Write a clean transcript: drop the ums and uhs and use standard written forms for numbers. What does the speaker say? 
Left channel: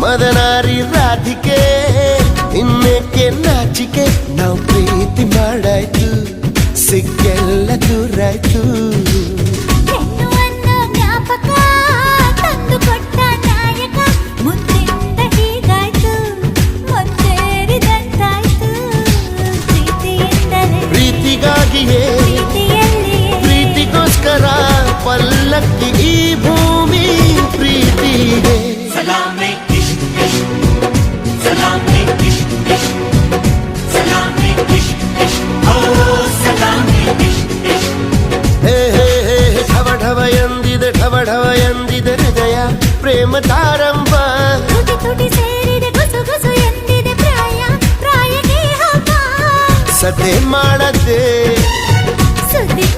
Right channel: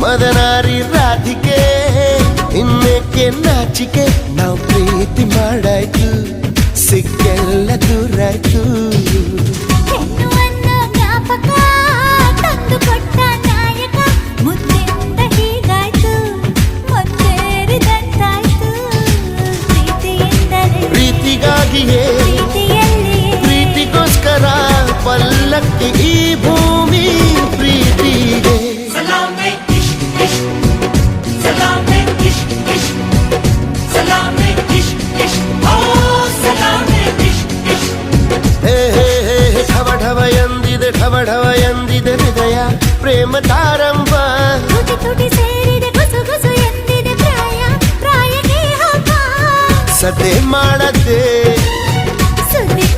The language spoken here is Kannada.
ಮದನಾರಿ ರಾಧಿಕೆ ಇನ್ನೇಕೆ ನಾಚಿಕೆ ನಾವು ಪ್ರೀತಿ ಮಾಡಾಯ್ತು ಸಿಕ್ಕೆಲ್ಲ ದೂರಾಯ್ತು ಹೆಣ್ಣು ಅನ್ನೋ ಜ್ಞಾಪಕ ತಂದು ಕೊಟ್ಟ ನಾಯಕ ಮುದ್ದಿಂದ ಹೀಗಾಯ್ತು ಮುತ್ತೇರಿದಂತಾಯ್ತು ಪ್ರೀತಿಯಿಂದಲೇ ಪ್ರೀತಿಗಾಗಿಯೇ ಪ್ರೀತಿಯಲ್ಲಿಯೇ ಪ್ರೀತಿಗೋಸ್ಕರ ಪಲ್ಲಕ್ಕಿ ಈ ಭೂಮಿ ಪ್ರೀತಿಗೆ ಢವ ಎಂದಿದೆ ಢವ ಢವ ಎಂದಿದೆ ಹೃದಯ ಪ್ರೇಮ ತಾರಂಭ ತುಟಿ ತುಟಿ ಸೇರಿದೆ ಗುಸು ಗುಸು ಎಂದಿದೆ ಪ್ರಾಯ ಪ್ರಾಯಕ್ಕೆ ಹಬ್ಬ ಸದ್ದೆ ಮಾಡದೆ ಸುದ್ದಿ